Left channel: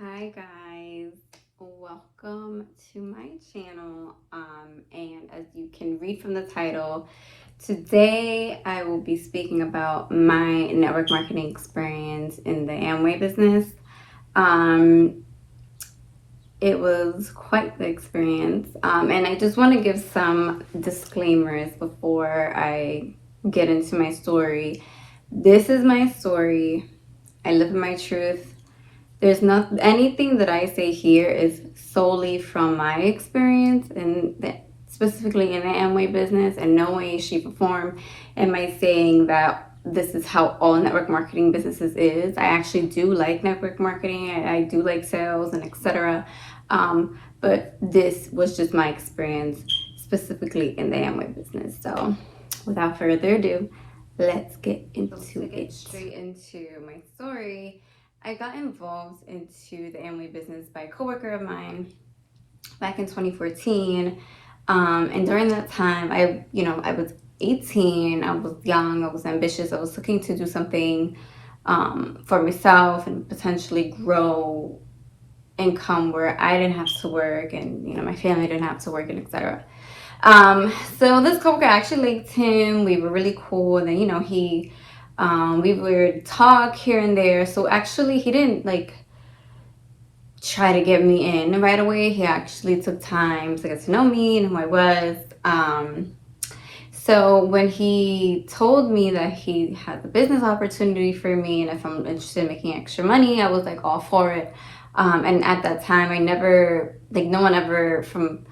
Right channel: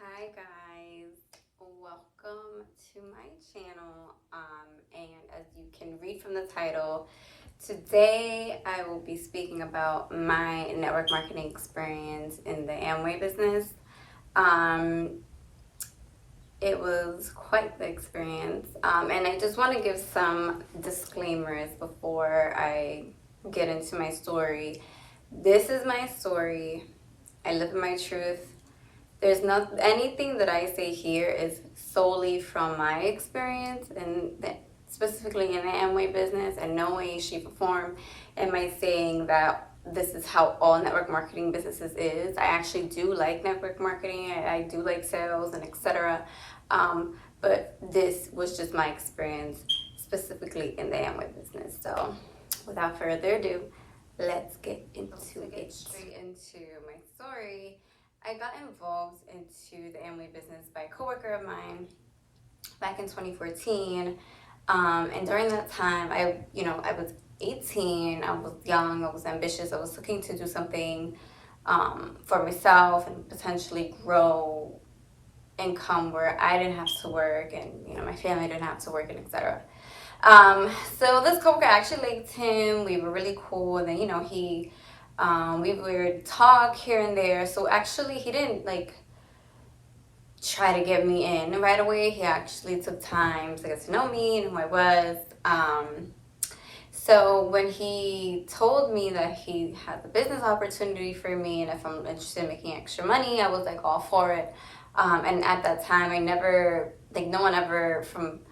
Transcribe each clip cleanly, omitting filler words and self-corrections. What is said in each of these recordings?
Hi guys, welcome to my channel. And as you can read from the title, today I will be speaking about my network marketing experience in the Amway business. It was quite the experience, and I just want to give some disclaimers before I get into my story. This is my story. I live in my truth. There's not anything that I say here is solely from my experience and specifically in the Amway business, and no way, shape, or form am I saying that this is how all network marketing businesses is. I actually do like network marketing. I do like sales and etc. But this was just my experience specifically in the Amway business. So without further ado, let's get into it. Straight into my story. I got involved into the Amway business by a coworker of mine back in 2014. And during that time, I was 18. I was young. I was ambitious. I was looking to do something for myself and potentially grow income where I didn't have to work and my family didn't have to work and etc. So this coworker, I actually liked him. We were really cool. And then we would talk here and there. So actually he didn't try to get me in right away. He actually took time to get to know me and who I was. So when he told me that he had the business opportunity for me and if I'm interested in making extra money, I was like all for it. And at that time, I never, no one ever from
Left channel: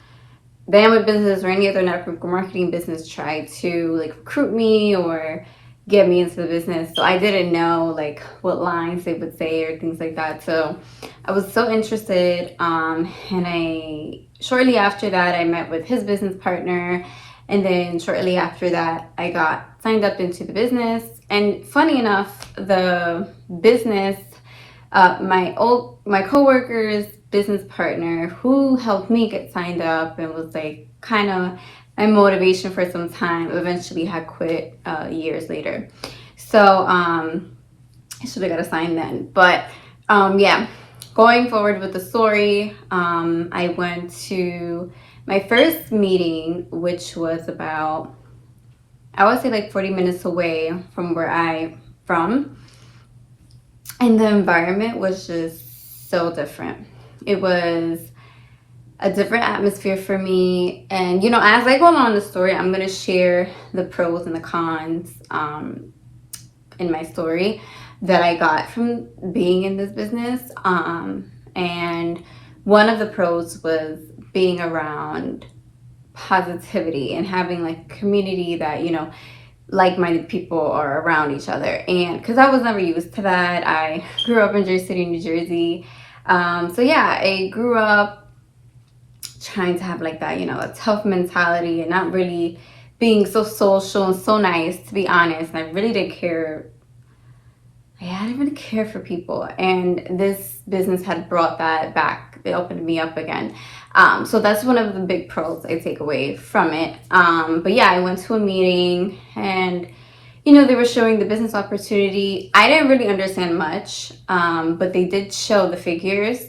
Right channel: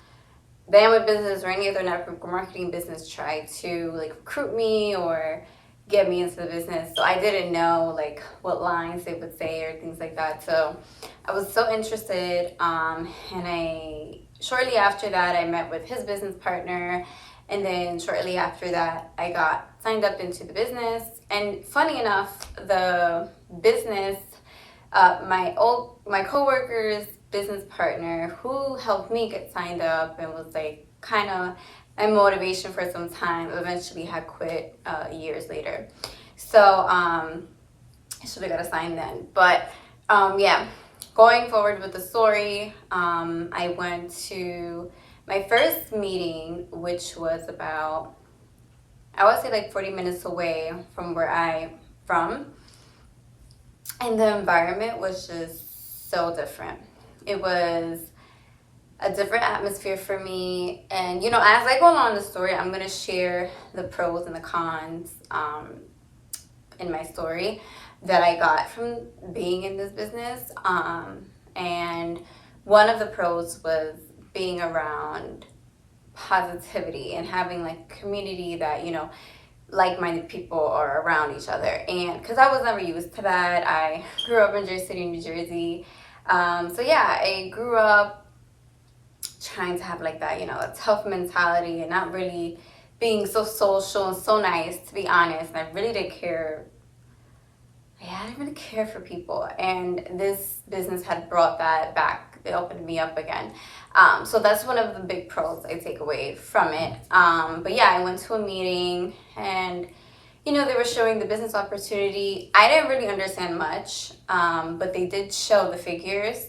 the Amway business or any other network marketing business tried to recruit me or get me into the business. So I didn't know what lines they would say or things like that. So I was so interested. And shortly after that, I met with his business partner. And then shortly after that, I got signed up into the business. And funny enough, the business, my coworker's business partner who helped me get signed up and was kind of my motivation for some time, eventually had quit years later. So I should have got assigned then. But yeah, going forward with the story, I went to my first meeting, which was about, I would say 40 minutes away from where I'm from. And the environment was just so different. It was a different atmosphere for me. And, as I go along the story, I'm going to share the pros and the cons in my story that I got from being in this business. And one of the pros was being around positivity and having community that, like-minded people are around each other. And because I was never used to that, I grew up in Jersey City, New Jersey. So yeah, I grew up trying to have that, a tough mentality and not really being so social and so nice, to be honest. And I really didn't care. I didn't really care for people. And this business had brought that back. It opened me up again. So that's one of the big pros I take away from it. But yeah, I went to a meeting and, they were showing the business opportunity. I didn't really understand much, but they did show the figures.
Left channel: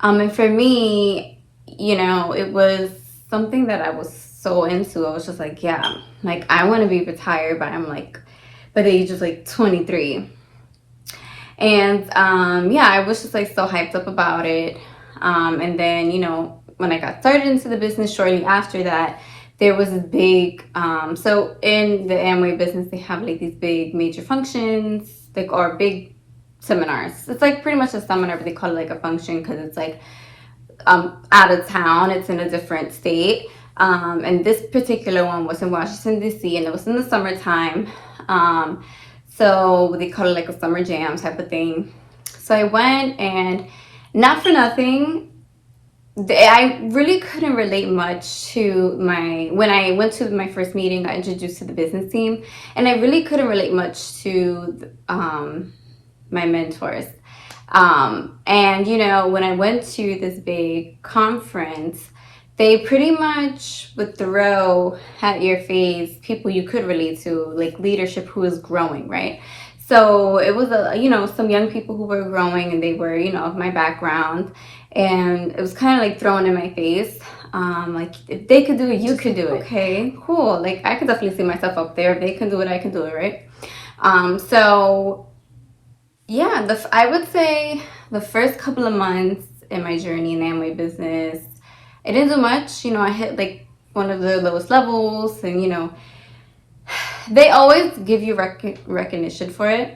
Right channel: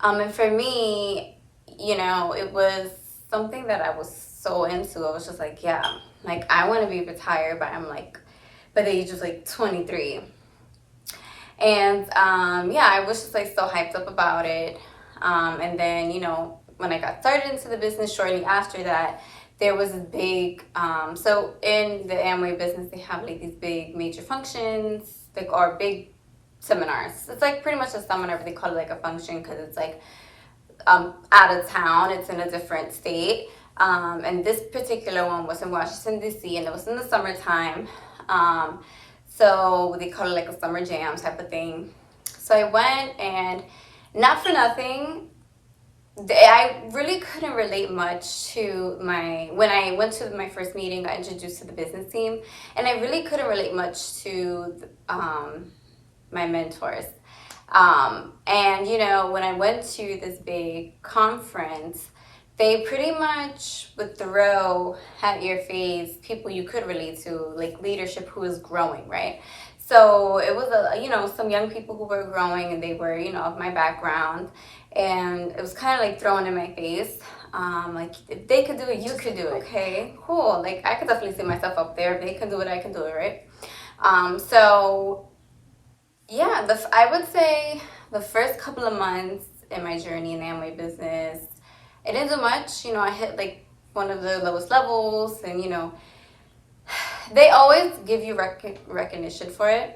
And for me, it was something that I was so into. I was just yeah, I want to be retired, but I'm by the age of 23. And yeah, I was just so hyped up about it. And then, when I got started into the business shortly after that, there was this big, so in the Amway business, they have these big major functions, or big seminars. It's pretty much a seminar, but they call it a function because it's out of town. It's in a different state. And this particular one was in Washington, D.C., and it was in the summertime. So they call it a summer jam type of thing. So I went, and not for nothing, I really couldn't relate much to when I went to my first meeting, got introduced to the business team, and I really couldn't relate much to my mentors. And when I went to this big conference, they pretty much would throw at your face people you could relate to, leadership who is growing, right? So it was some young people who were growing, and they were, of my background, and it was kind of like thrown in my face. Like, if they could do it, you could do it. Okay, cool. Like, I could definitely see myself up there. If they can do it, I can do it, right? So yeah, I would say the first couple of months in my journey in the Amway business, I didn't do much. I hit like one of the lowest levels, and they always give you recognition for it.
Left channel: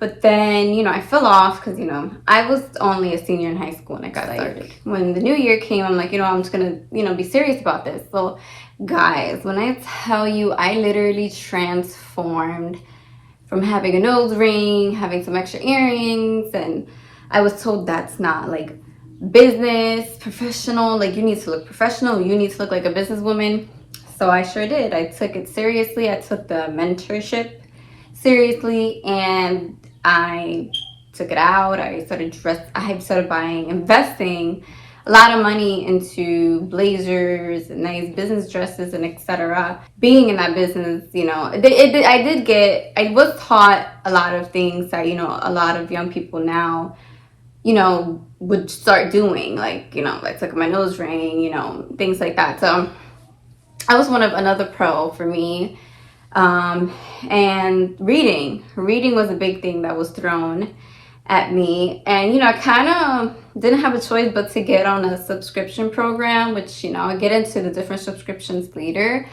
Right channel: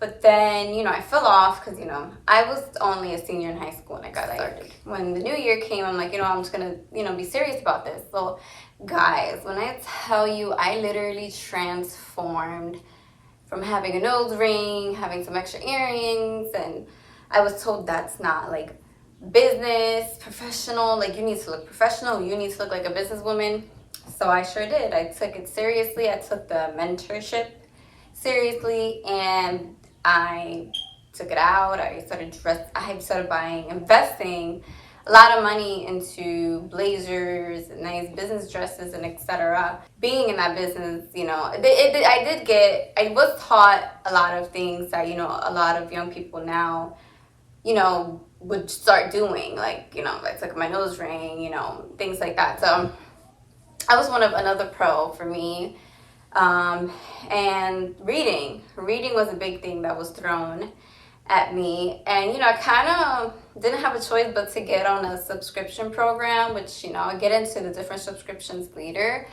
But then, I fell off because, I was only a senior in high school when I got started. When the new year came, I'm like, I'm just going to, be serious about this. So, guys, when I tell you, I literally transformed from having a nose ring, having some extra earrings, and I was told that's not like business, professional. Like, you need to look professional. You need to look like a businesswoman. So I sure did. I took it seriously. I took the mentorship seriously, and I took it out. I started investing a lot of money into blazers and nice business dresses and etc. Being in that business, I was taught a lot of things that, a lot of young people now, would start doing, like, let's look at my nose ring, things like that. So I was another pro for me. And reading was a big thing that was thrown at me, and I kind of didn't have a choice but to get on a subscription program, which I'll get into the different subscriptions later,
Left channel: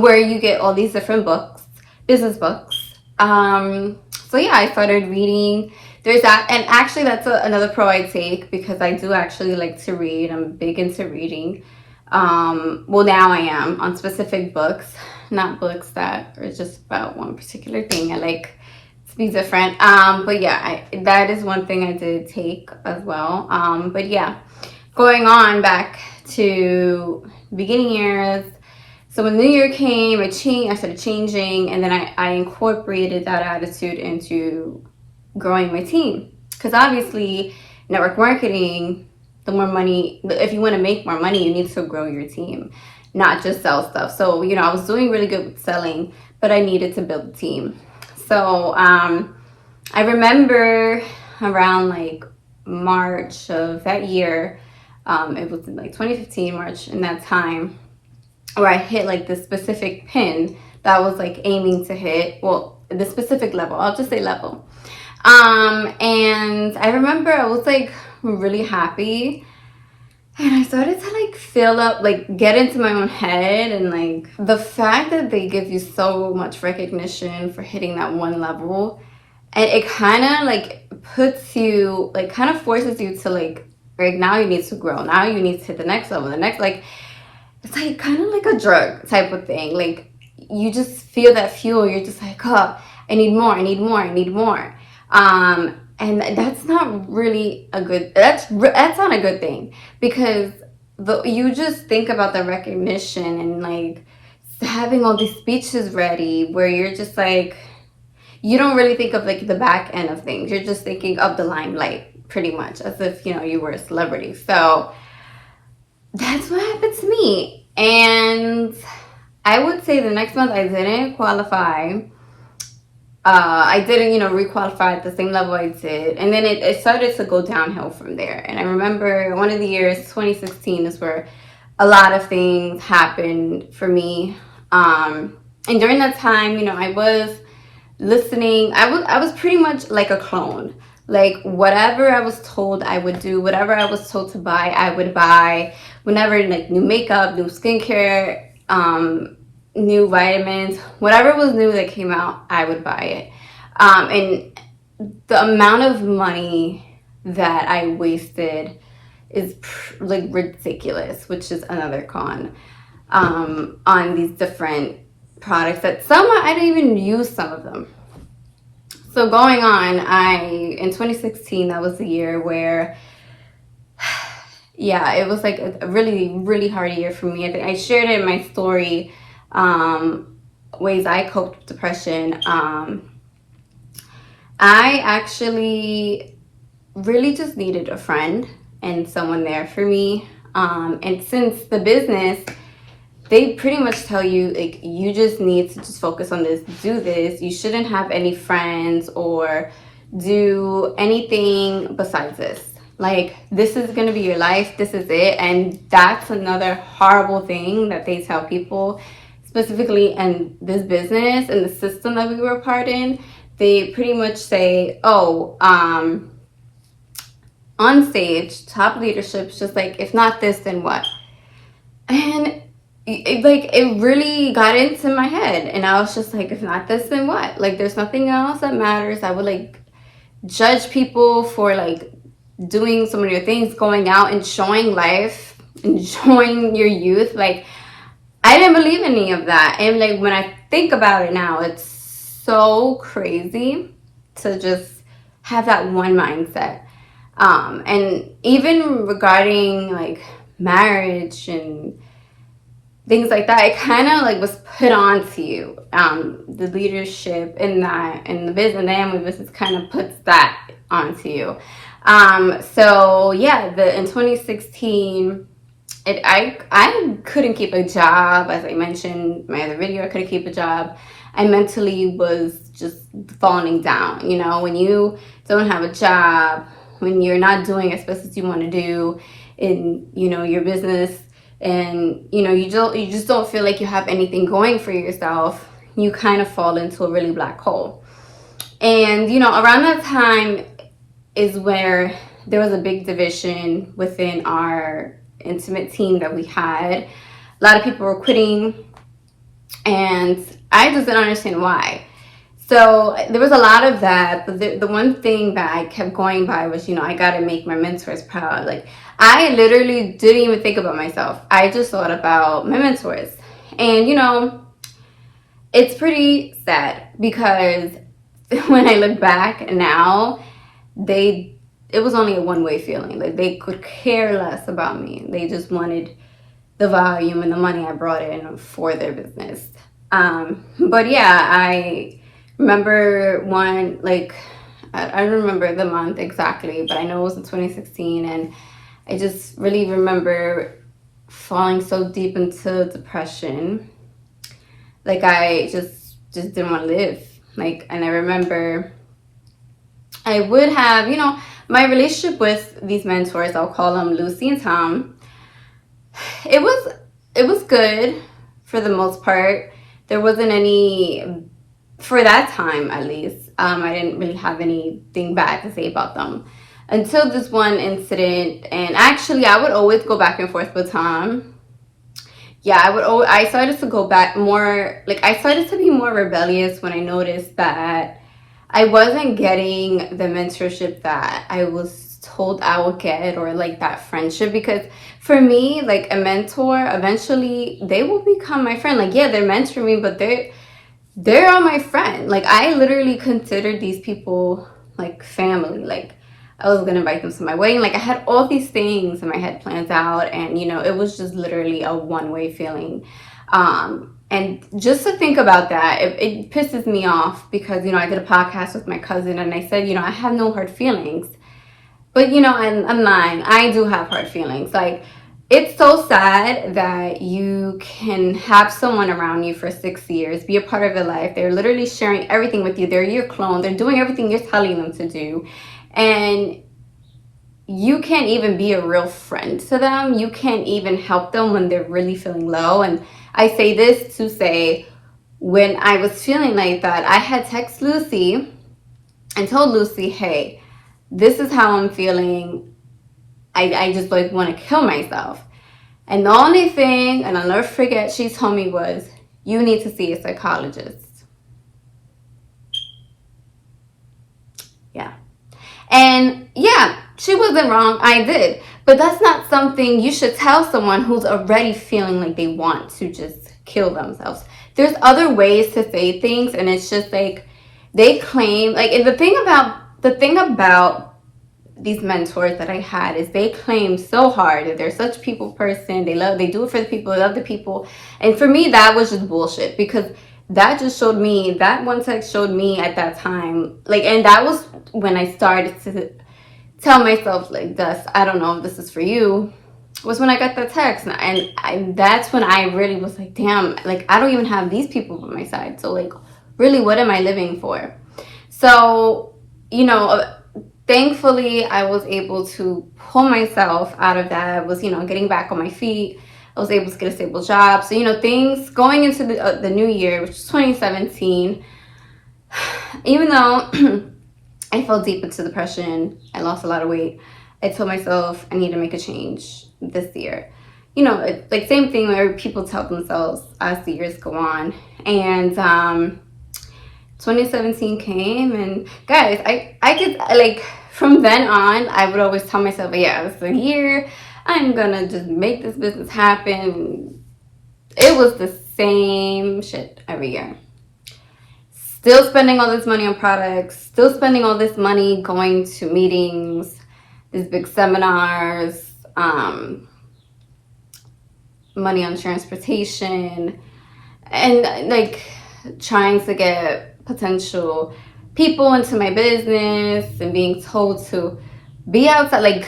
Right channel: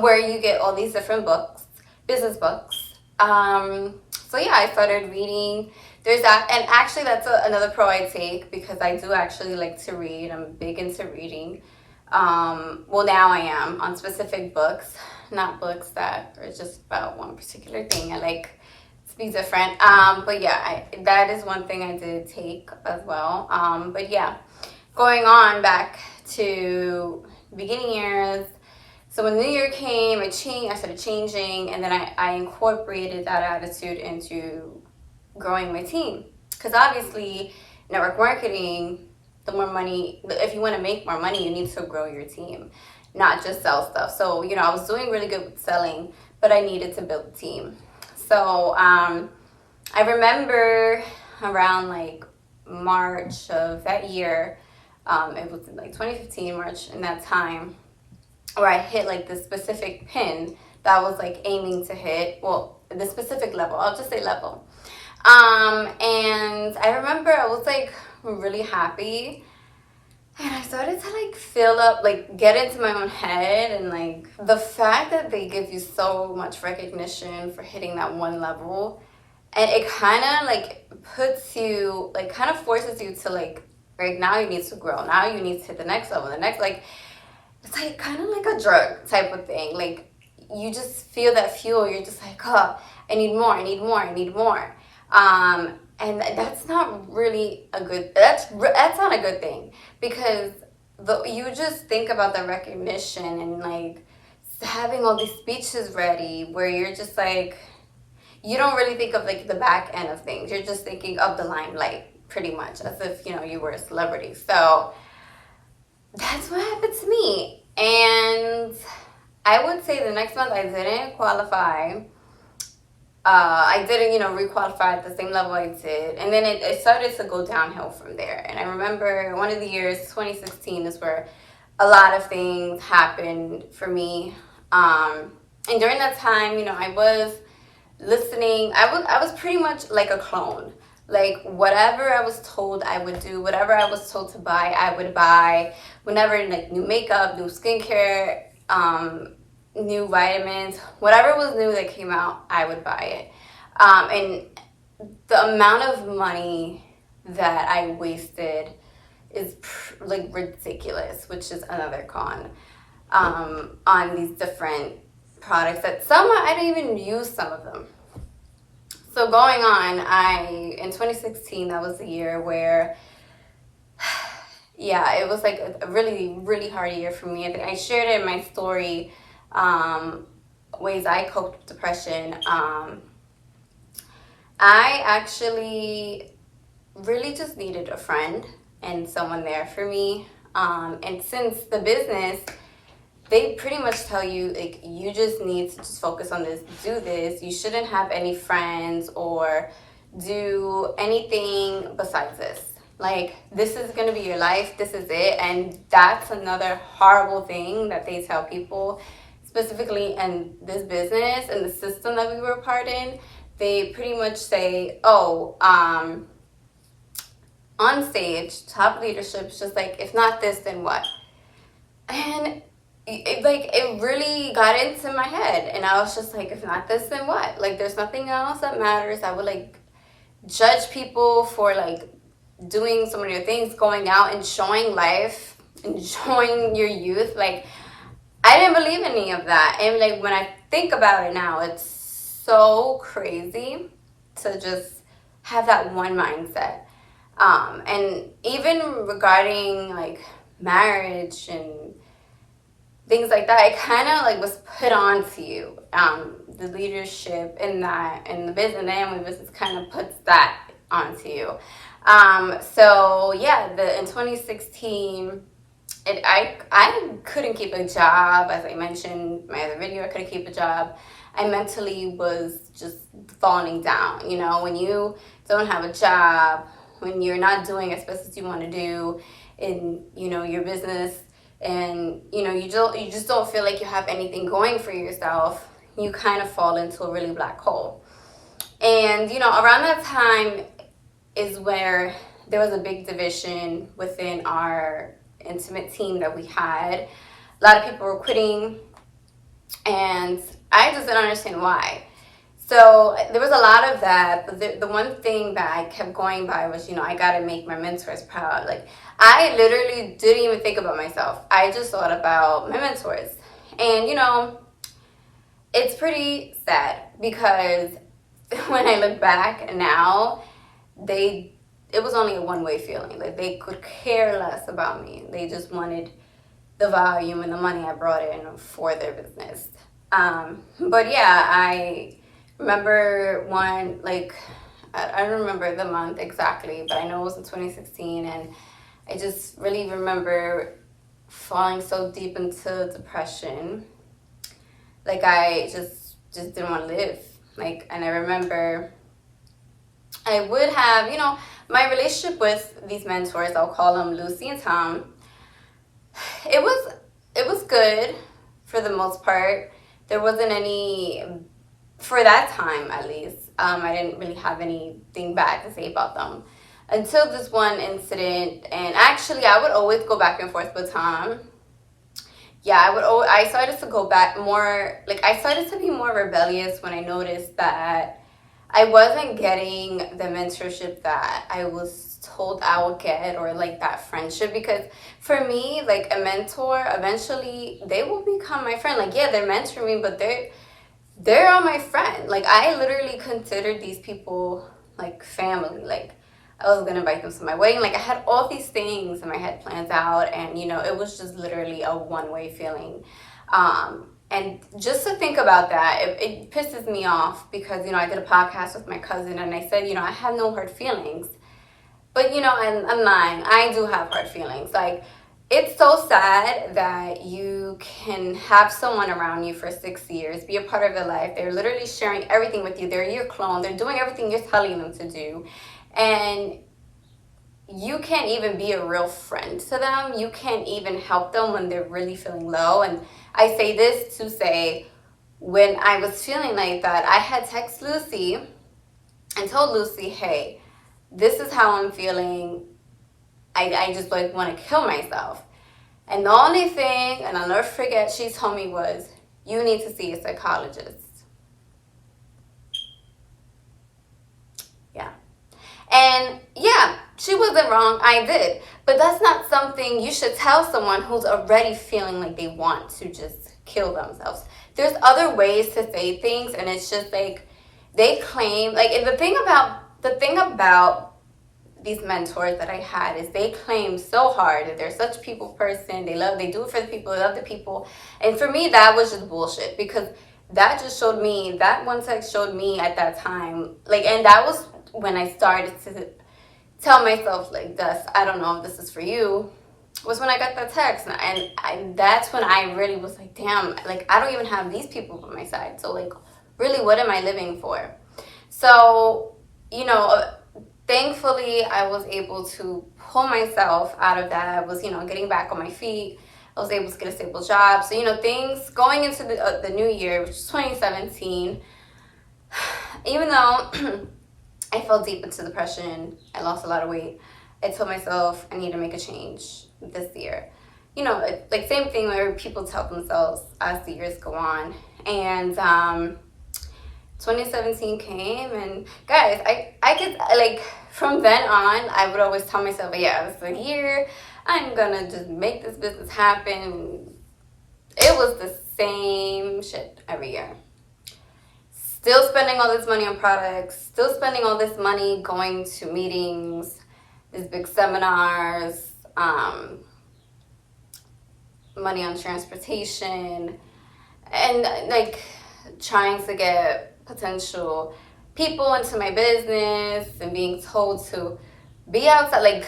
where you get all these different books, business books. So yeah, I started reading. There's that, and actually that's another pro I take, because I do actually like to read. I'm big into reading. Well, now I am on specific books, not books that are just about one particular thing. I like to be different. But yeah, that is one thing I did take as well. But yeah, going on back to beginning years. So when the new year came, I started changing, and then I incorporated that attitude into growing my team. Because obviously, network marketing, the more money, if you want to make more money, you need to grow your team, not just sell stuff. So, I was doing really good with selling, but I needed to build a team. So, I remember around like March of that year, it was like 2015, March, in that time, where I hit like the specific pin that I was like aiming to hit. Well, the specific level, I'll just say level. And I remember I was like really happy, and I started to like fill up, like get into my own head, and like the fact that they give you so much recognition for hitting that one level, and it kind of like puts you, like kind of forces you to like now you need to grow, now you need to hit the next level, the next, like it's like kind of like a drug type of thing. Like you just feel that fuel, you're just like, oh, I need more, I need more, I need more. And that's not really that's not a good thing, because you just think about the recognition and like having all these speeches ready, where you're just like, you don't really think of like the back end of things. You're just thinking of the limelight, pretty much, as if, you were a celebrity. So that's what happened to me. And I would say the next month I didn't qualify. I didn't, requalify at the same level I did. And then it started to go downhill from there. And I remember one of the years, 2016, is where a lot of things happened for me. And during that time, I was listening. I was pretty much like a clone. Like whatever I was told I would do, whatever I was told to buy, I would buy. Whenever like new makeup, new skincare, new vitamins, whatever was new that came out, I would buy it. And the amount of money that I wasted is like ridiculous, which is another con, on these different products that I don't even use some of them. So going on, in 2016, that was the year where, yeah, it was like a really, really hard year for me. I think I shared it in my story, ways I coped with depression. I actually really just needed a friend and someone there for me. And since the business they pretty much tell you, like, you just need to just focus on this, do this. You shouldn't have any friends or do anything besides this. Like, this is going to be your life. This is it. And that's another horrible thing that they tell people, specifically in this business and the system that we were a part in. They pretty much say, oh, on stage, top leadership's just like, if not this, then what? And it really got into my head, and I was just like, if not this, then what? Like, there's nothing else that matters. I would like judge people for like doing so many things, going out, enjoying life, enjoying your youth. Like, I didn't believe any of that. And like, when I think about it now, it's so crazy to just have that one mindset. And even regarding like marriage and things like that, it kind of like was put on to you. The leadership in that, in the business, the Amway business kind of puts that onto you. So yeah, in 2016, I couldn't keep a job. As I mentioned in my other video, I couldn't keep a job. I mentally was just falling down. You know, when you don't have a job, when you're not doing as best as you want to do in, you know, your business, and you know, you just don't feel like you have anything going for yourself, you kind of fall into a really black hole. And you know, around that time is where there was a big division within our intimate team that we had. A lot of people were quitting, and I just didn't understand why. So there was a lot of that, but the one thing that I kept going by was, you know, I got to make my mentors proud. Like, I literally didn't even think about myself. I just thought about my mentors. And, you know, it's pretty sad because when I look back now, it was only a one-way feeling. Like, they could care less about me. They just wanted the volume and the money I brought in for their business. But yeah, I remember one, like, I don't remember the month exactly, but I know it was in 2016, and I just really remember falling so deep into depression. Like, I just didn't want to live. Like, and I remember I would have, you know, my relationship with these mentors, I'll call them Lucy and Tom. It was good for the most part. There wasn't any, for that time at least, I didn't really have anything bad to say about them until this one incident. And actually, I would always go back and forth with Tom. Yeah, I started to go back more, like, I started to be more rebellious when I noticed that I wasn't getting the mentorship that I was told I would get, or like that friendship. Because for me, like, a mentor, eventually they will become my friend. Like, yeah, they're mentoring me, but they're all my friend. Like, I literally considered these people like family. Like, I was gonna invite them to my wedding. Like, I had all these things in my head planned out, and you know, it was just literally a one-way feeling. And just to think about that, it pisses me off because, you know, I did a podcast with my cousin and I said, you know, I have no hard feelings. But, you know, I'm lying. I do have hard feelings. Like, it's so sad that you can have someone around you for 6 years, be a part of your life. They're literally sharing everything with you. They're your clone. They're doing everything you're telling them to do. And you can't even be a real friend to them. You can't even help them when they're really feeling low. And I say this to say, when I was feeling like that, I had texted Lucy and told Lucy, hey, this is how I'm feeling. I just like want to kill myself. And the only thing, and I'll never forget, she told me was, you need to see a psychologist. Yeah. And yeah, she wasn't wrong. I did. But that's not something you should tell someone who's already feeling like they want to just kill themselves. There's other ways to say things, and it's just like they claim, like, and the thing about these mentors that I had is they claim so hard that they're such a people person. They do it for the people, they love the people. And for me, that was just bullshit, because that just showed me, that one text showed me at that time, like, and that was when I started to tell myself, like, Dust, I don't know if this is for you. was when I got that text. And that's when I really was like, damn, like, I don't even have these people by my side. So, like, really, what am I living for? So, you know, thankfully, I was able to pull myself out of that. I was, you know, getting back on my feet. I was able to get a stable job. So, you know, things going into the new year, which is 2017, even though I fell deep into depression, I lost a lot of weight, I told myself I need to make a change this year. You know, like same thing where people tell themselves as the years go on. And 2017 came, and guys, I could, like, from then on, I would always tell myself, yeah, it's a year, I'm gonna just make this business happen. It was the same shit every year. Still spending all this money on products, still spending all this money going to meetings, these big seminars, money on transportation, and like trying to get potential people into my business and being told to be outside, like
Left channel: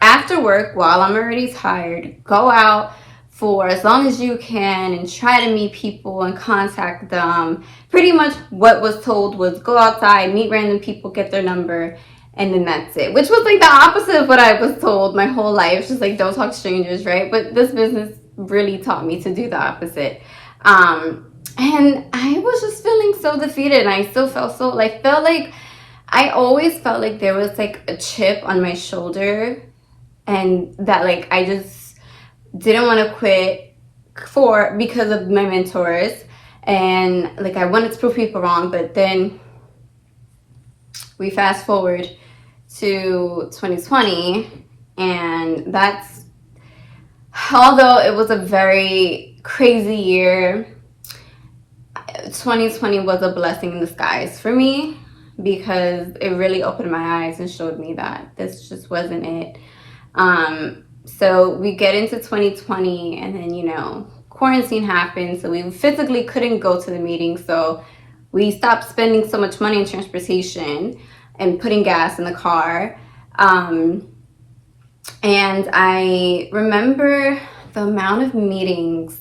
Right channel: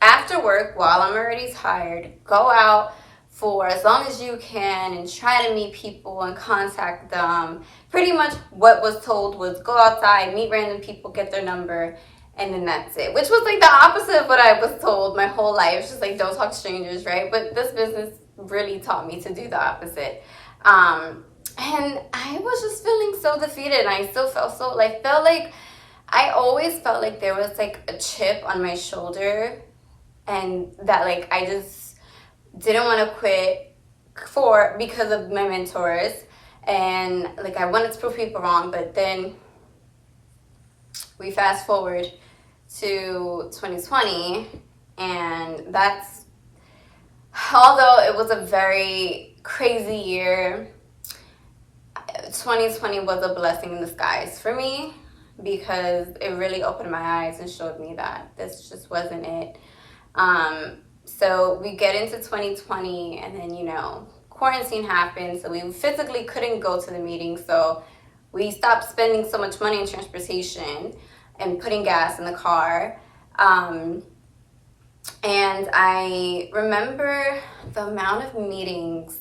after work while I'm already tired, go out for as long as you can and try to meet people and contact them. Pretty much what was told was go outside, meet random people, get their number, and then that's it. Which was like the opposite of what I was told my whole life. Just like, don't talk to strangers, right? But this business really taught me to do the opposite. And I was just feeling so defeated, and I still felt so, like, I always felt like there was like a chip on my shoulder, and that like I just didn't want to quit because of my mentors, and like I wanted to prove people wrong. But then we fast forward to 2020, and that's, although it was a very crazy year, 2020 was a blessing in disguise for me, because it really opened my eyes and showed me that this just wasn't it. So we get into 2020, and then, you know, quarantine happened, so we physically couldn't go to the meeting. So we stopped spending so much money on transportation and putting gas in the car. And I remember the amount of meetings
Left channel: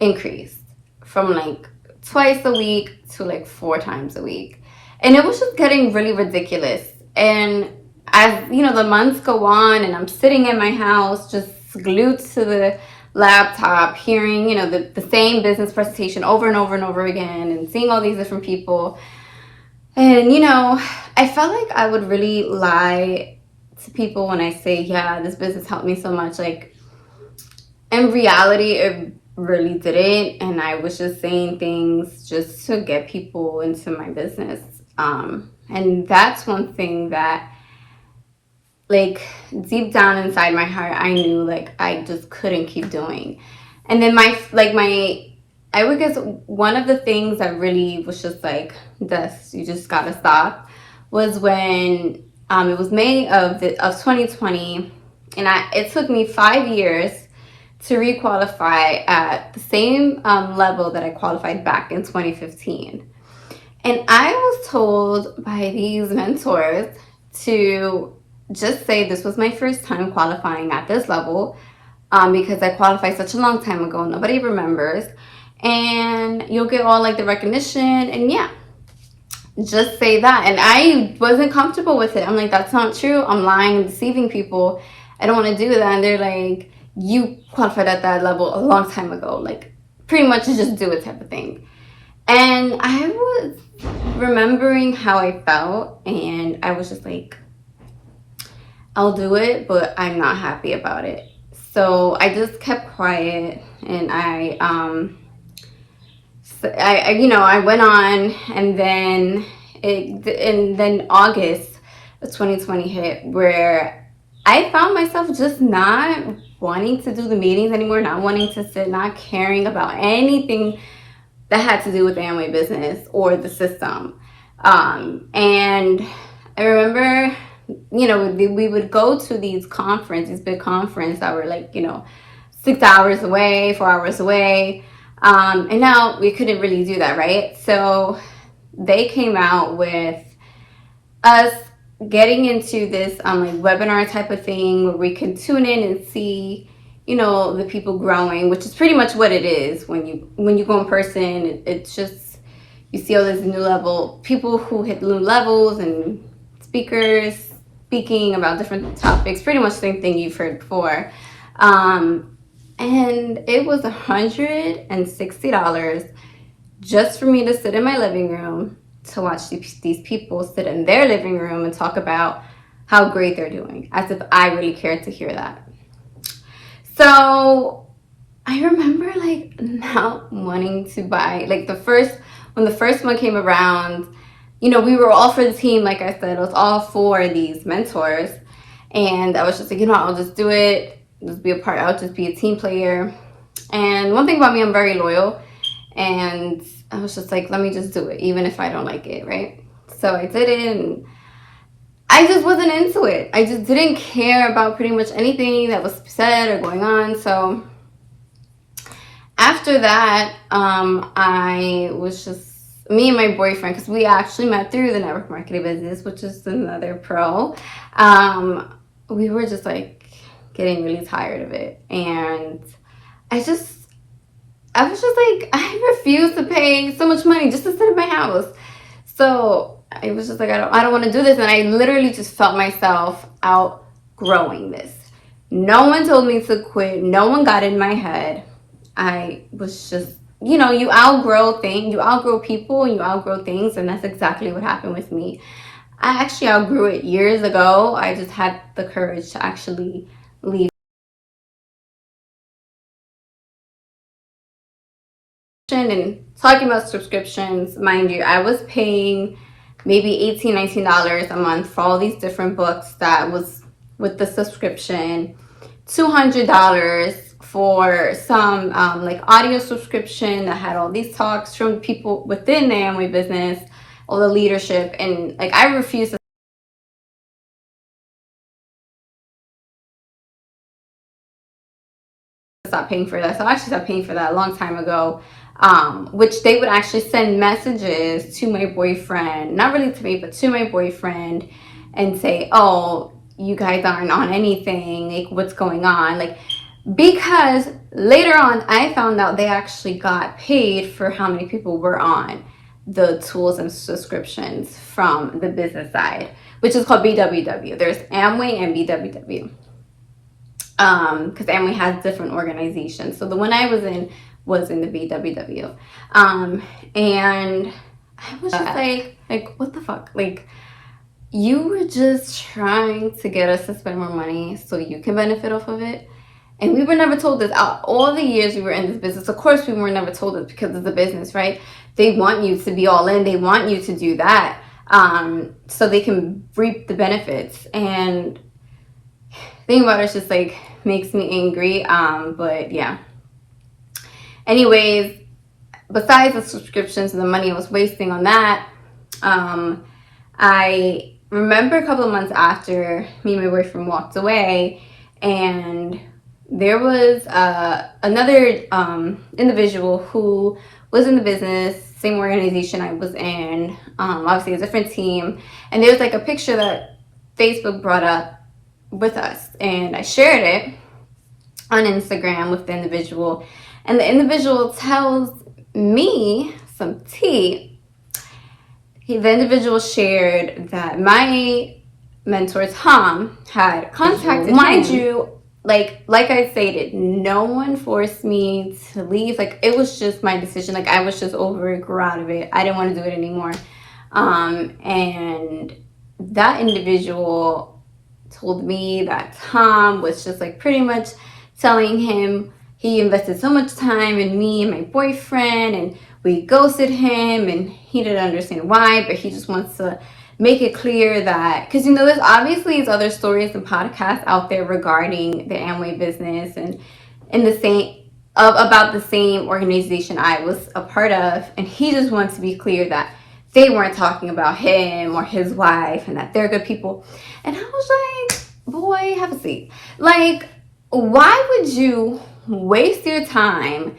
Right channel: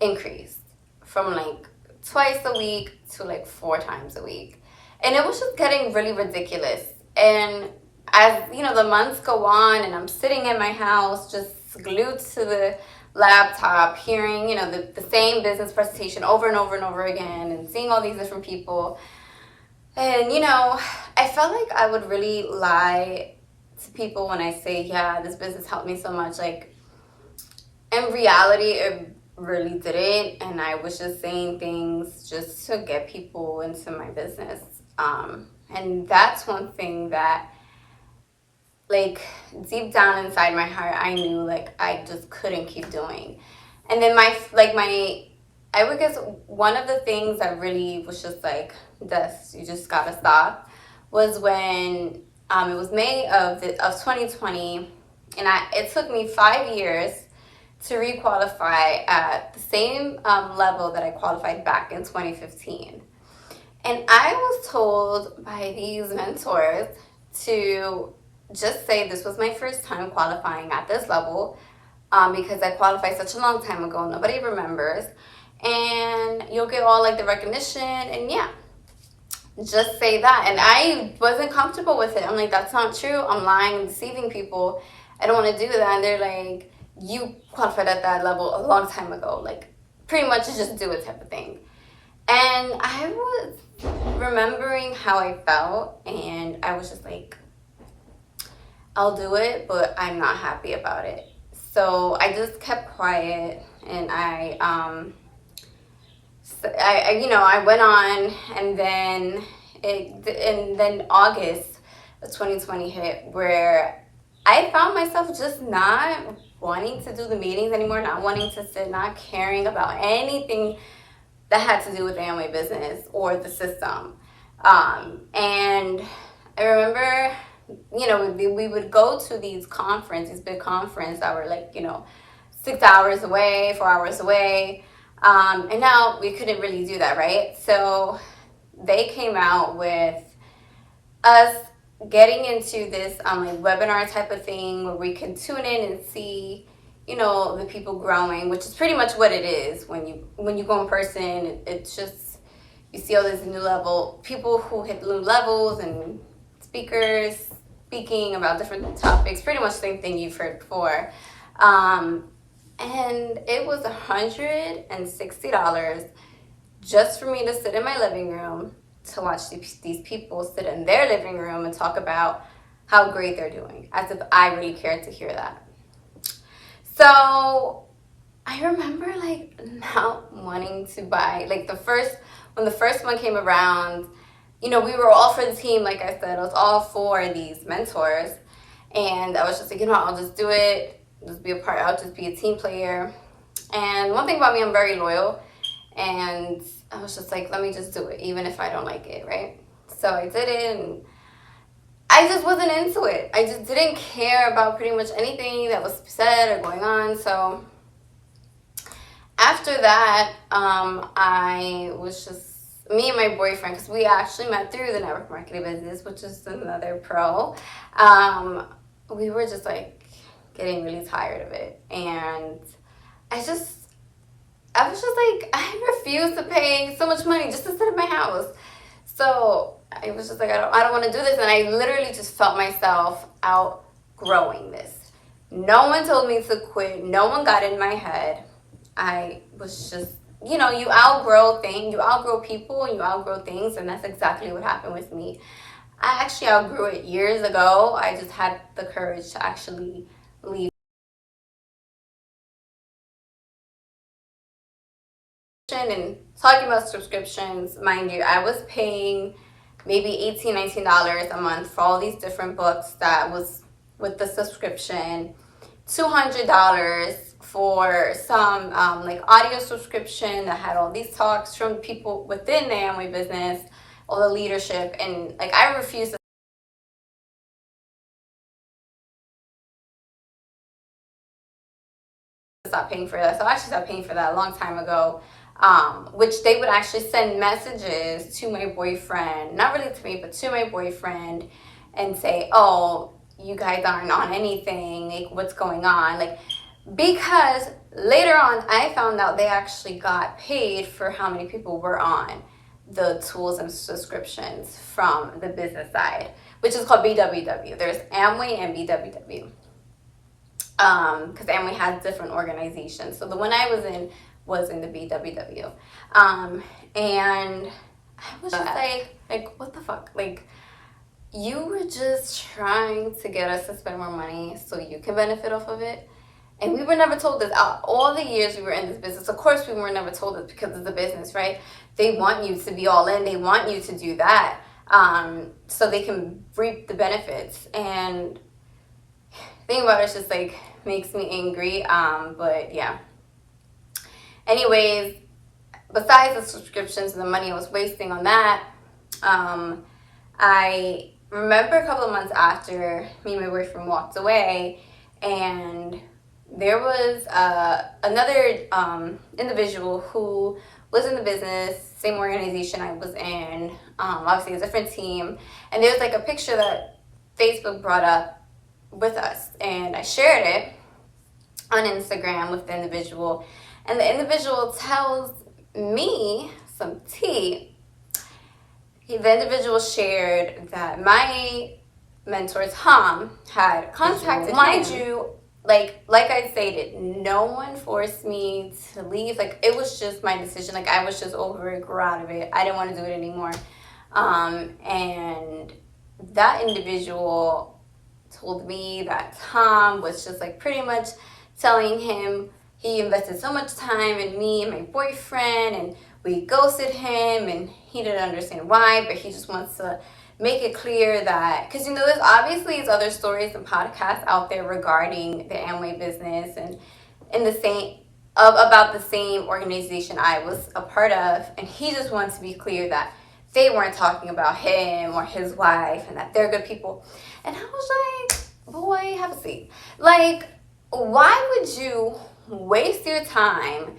increased from like twice a week to like 4 times a week. And it was just getting really ridiculous. And as, you know, the months go on, and I'm sitting in my house just glued to the laptop, hearing, you know, the same business presentation over and over and over again, and seeing all these different people. And, you know, I felt like I would really lie to people when I say, yeah, this business helped me so much. Like, in reality, it really didn't. And I was just saying things just to get people into my business. And that's one thing that, like, deep down inside my heart, I knew, like, I just couldn't keep doing. And then I would guess one of the things that really was just like, this, you just gotta stop, was when it was May of 2020, and it took me 5 years to requalify at the same level that I qualified back in 2015. And I was told by these mentors to just say this was my first time qualifying at this level, because I qualified such a long time ago, nobody remembers, and you'll get all like the recognition, and yeah, just say that. And I wasn't comfortable with it. I'm like, that's not true, I'm lying and deceiving people, I don't want to do that. And they're like, you qualified at that level a long time ago, like pretty much just do it type of thing. And I was remembering how I felt, and I was just like, I'll do it, but I'm not happy about it. So I just kept quiet, and I you know, I went on, and then August of 2020 hit, where I found myself just not wanting to do the meetings anymore, not wanting to sit, not caring about anything that had to do with the Amway business or the system. And I remember, you know, we would go to these big conferences that were like, you know, 6 hours away, 4 hours away. And now we couldn't really do that, right? So they came out with us getting into this like webinar type of thing where we can tune in and see, you know, the people growing, which is pretty much what it is when you go in person. It's just, you see all these new level people who hit new levels and speakers speaking about different topics, pretty much the same thing you've heard before. And it was $160 just for me to sit in my living room to watch these people sit in their living room and talk about how great they're doing, as if I really cared to hear that. So I remember like not wanting to buy, like when the first one came around, you know, we were all for the team. Like I said, I was all for these mentors, and I was just like, you know, I'll just do it, just be a part, I'll just be a team player. And one thing about me, I'm very loyal, and I was just like, let me just do it, even if I don't like it, right? So I did it, and I just wasn't into it. I just didn't care about pretty much anything that was said or going on. So after that, I was just, me and my boyfriend, because we actually met through the network marketing business, which is another pro. We were just like getting really tired of it. And I was just like, I refuse to pay so much money just to sit in my house. So I was just like, I don't want to do this. And I literally just felt myself outgrowing this. No one told me to quit. No one got in my head. I was just, you know, you outgrow things, you outgrow people, you outgrow things, and that's exactly what happened with me. I actually outgrew it years ago. I just had the courage to actually leave. And talking about subscriptions, mind you, I was paying maybe $18, $19 a month for all these different books that was with the subscription, $200 for some like audio subscription that had all these talks from people within the Amway business, all the leadership, and like I refused to stop paying for that. So I actually stopped paying for that a long time ago. Which they would actually send messages to my boyfriend, not really to me, but to my boyfriend, and say, oh, you guys aren't on anything, like what's going on? Like, because later on I found out they actually got paid for how many people were on the tools and subscriptions from the business side, which is called BWW. There's Amway and BWW. Because Amway has different organizations. So the one I was in the BWW. And I was just like, what the fuck? Like, you were just trying to get us to spend more money so you can benefit off of it. And we were never told this. All the years we were in this business, of course we were never told this because it's a business, right? They want you to be all in. They want you to do that so they can reap the benefits. And thinking about it's just like makes me angry. But yeah. Anyways, besides the subscriptions and the money I was wasting on that, I remember a couple of months after me and my boyfriend walked away, and there was another individual who was in the business, same organization I was in, obviously a different team, and there was like a picture that Facebook brought up with us, and I shared it on Instagram with the individual, and the individual tells me some tea. The individual shared that my mentor Tom had contacted him. Mind you, like I stated, no one forced me to leave. Like, it was just my decision. Like, I was just over it, grew out of it. I didn't want to do it anymore. And that individual told me that Tom was just like pretty much telling him he invested so much time in me and my boyfriend, and we ghosted him, and he didn't understand why, but he just wants to make it clear that, because, you know, there's obviously other stories and podcasts out there regarding the Amway business and in the same about the same organization I was a part of, and he just wants to be clear that they weren't talking about him or his wife and that they're good people. And I was like, boy, have a seat. Like, why would you waste your time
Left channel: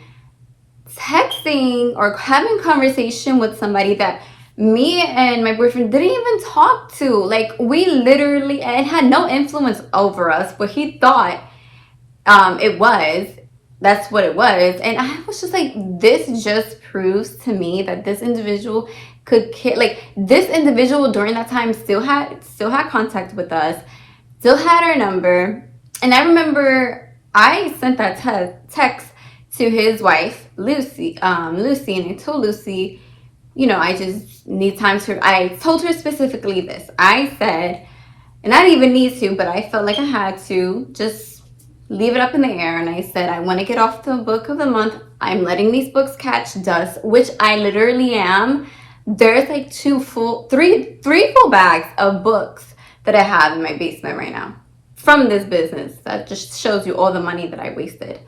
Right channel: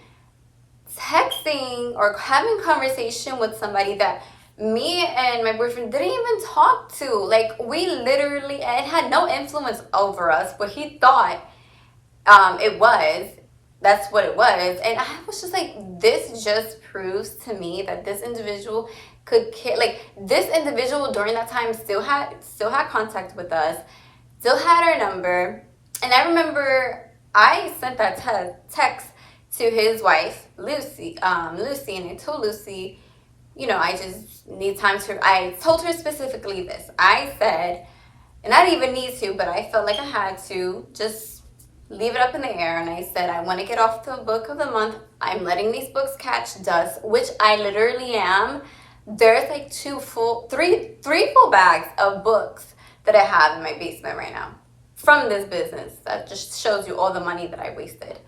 texting or having conversation with somebody that me and my boyfriend didn't even talk to. Like, we literally, it had no influence over us, but he thought it was. That's what it was. And I was just like, this just proves to me that this individual could care. Like, this individual during that time still had contact with us, still had our number. And I remember I sent that text to his wife, Lucy, Lucy, and I told Lucy, you know, I just need time to, I told her specifically this. I said, and I didn't even need to, but I felt like I had to just leave it up in the air. And I said, I want to get off the book of the month. I'm letting these books catch dust, which I literally am. There's like three full bags of books that I have in my basement right now from this business. That just shows you all the money that I wasted.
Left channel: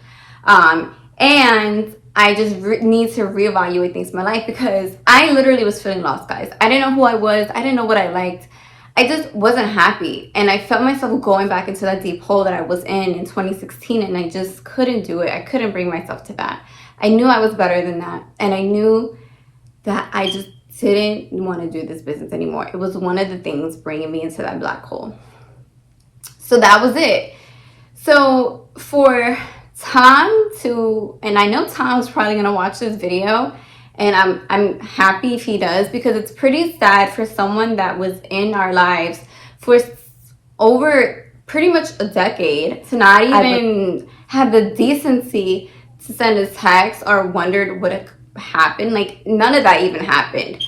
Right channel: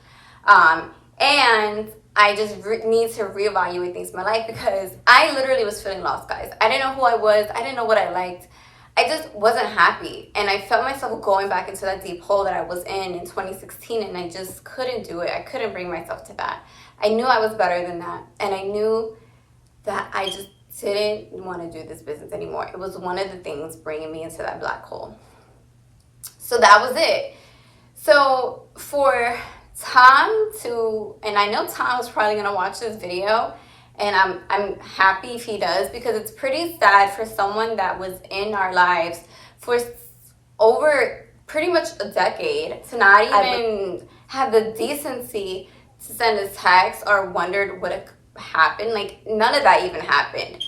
And I just need to reevaluate things in my life, because I literally was feeling lost, guys. I didn't know who I was. I didn't know what I liked. I just wasn't happy. And I felt myself going back into that deep hole that I was in 2016. And I just couldn't do it. I couldn't bring myself to that. I knew I was better than that. And I knew that I just didn't want to do this business anymore. It was one of the things bringing me into that black hole. So that was it. So for Tom to, and I know Tom's probably going to watch this video, and I'm happy if he does, because it's pretty sad for someone that was in our lives for over pretty much a decade to not even have the decency to send a text or wondered what happened. Like, none of that even happened.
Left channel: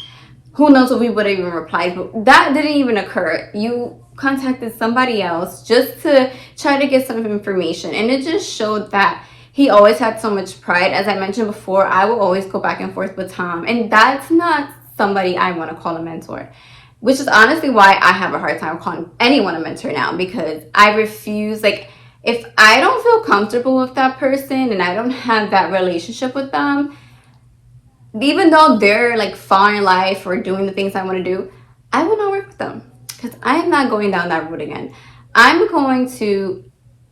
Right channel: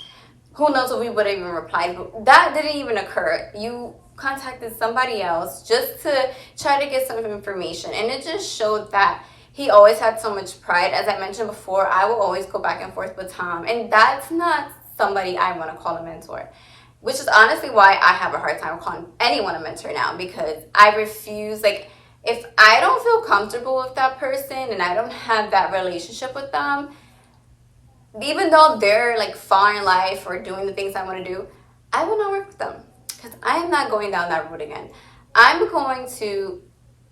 Who knows if we would have even replied, but that didn't even occur. You contacted somebody else just to try to get some information, and it just showed that he always had so much pride. As I mentioned before, I will always go back and forth with Tom, and that's not somebody I want to call a mentor, which is honestly why I have a hard time calling anyone a mentor now, because I refuse. Like, if I don't feel comfortable with that person and I don't have that relationship with them, even though they're like far in life or doing the things I want to do, I will not work with them, because I'm not going down that route again. I'm going to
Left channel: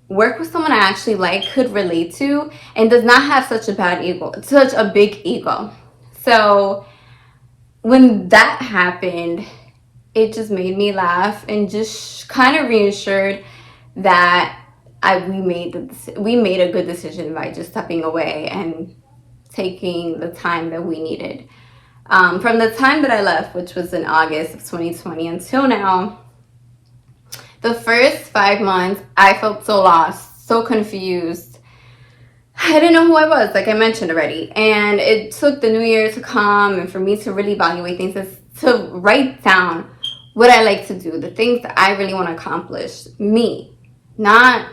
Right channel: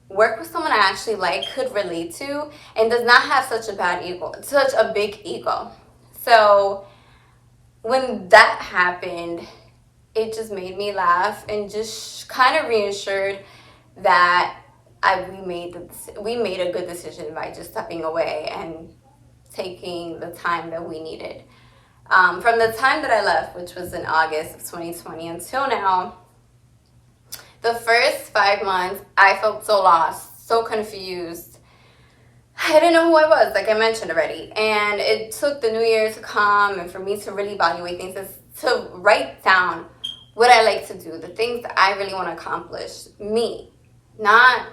work with someone I actually like, could relate to, and does not have such a bad ego, such a big ego. So when that happened, it just made me laugh and just kind of reassured that we made a good decision by just stepping away and taking the time that we needed. From the time that I left, which was in August of 2020, until now, the first 5 months, I felt so lost, so confused. I didn't know who I was, like I mentioned already. And it took the new year to come and for me to really evaluate things, to write down what I like to do, the things that I really want to accomplish. Me, not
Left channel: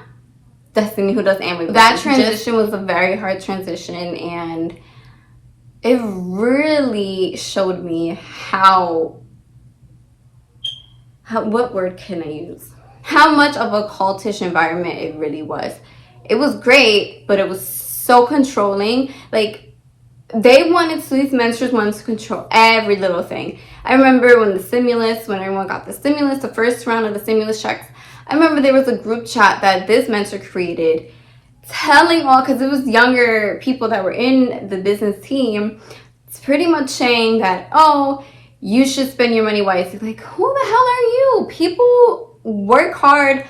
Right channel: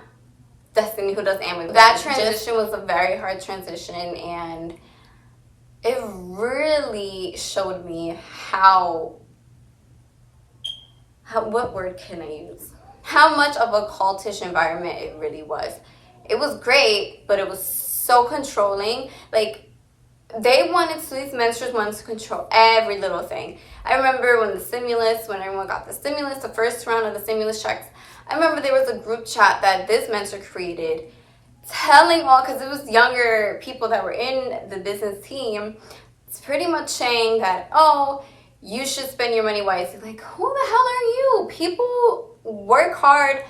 Destiny, who does Amway. That transition was a very hard transition, and it really showed me what word can I use? How much of a cultish environment it really was. It was great, but it was so controlling. Like, these mentors wanted to control every little thing. I remember when everyone got the stimulus, the first round of the stimulus checks, I remember there was a group chat that this mentor created telling all, because it was younger people that were in the business team, it's pretty much saying that, oh, you should spend your money wisely. Like, who the hell are you? People work hard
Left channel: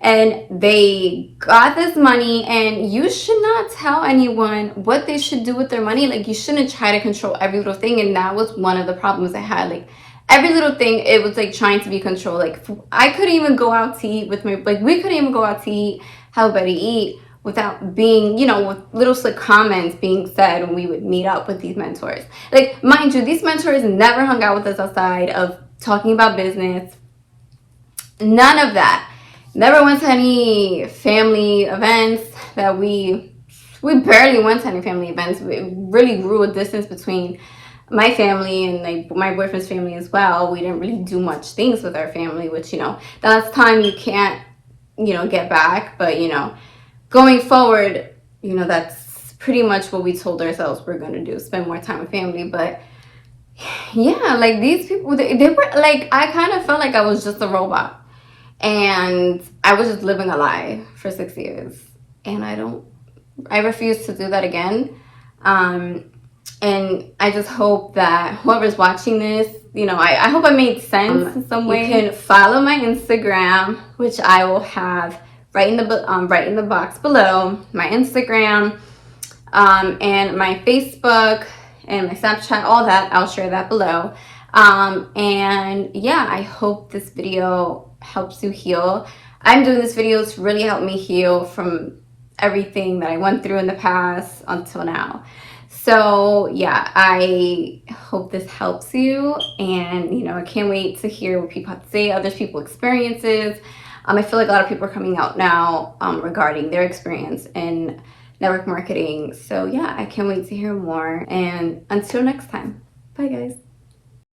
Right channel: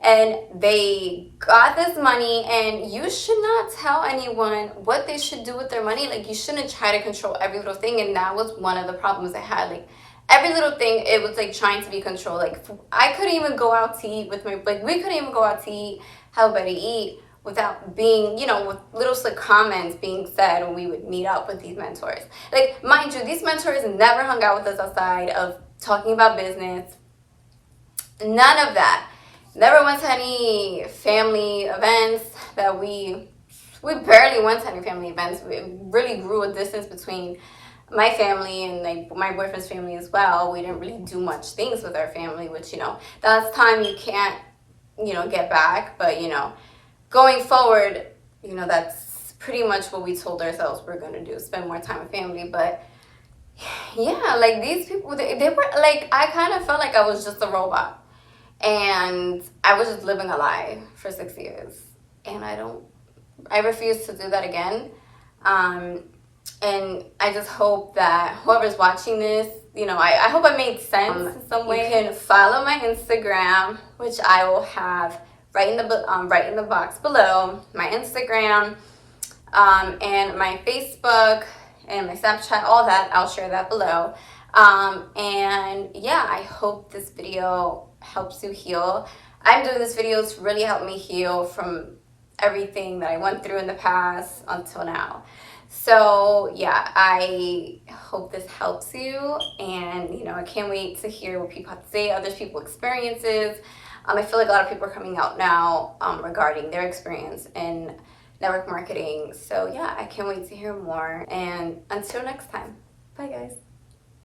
and they got this money, and you should not tell anyone what they should do with their money. Like, you shouldn't try to control every little thing. And that was one of the problems I had. Like, every little thing, it was like trying to be controlled. Like, I couldn't even go out to eat with we couldn't even go out to eat, have Betty eat, without being, with little slick comments being said when we would meet up with these mentors. Like, mind you, these mentors never hung out with us outside of talking about business. None of that. Never went to any family events that we barely went to any family events. It really grew a distance between my family and my boyfriend's family as well. We didn't really do much things with our family, which, that's time you can't, get back. But, going forward, that's pretty much what we told ourselves we're going to do, spend more time with family. But yeah, like, these people, they were like, I kind of felt like I was just a robot. And I was just living a lie for 6 years. And I refuse to do that again. And I just hope that whoever's watching this you know, I hope I made sense in some way. You can follow my Instagram, which I will have right in the box below. My Instagram, and my Facebook and my Snapchat, all that. I'll share that below. And yeah, I hope this video helps you heal. I'm doing this video to really help me heal from everything that I went through in the past until now. So yeah, I hope this helps you, and you know, I can't wait to hear what people have to say, other people's experiences. I feel like a lot of people are coming out now regarding their experience in network marketing. So yeah, I can't wait to hear more, and until next time, bye guys.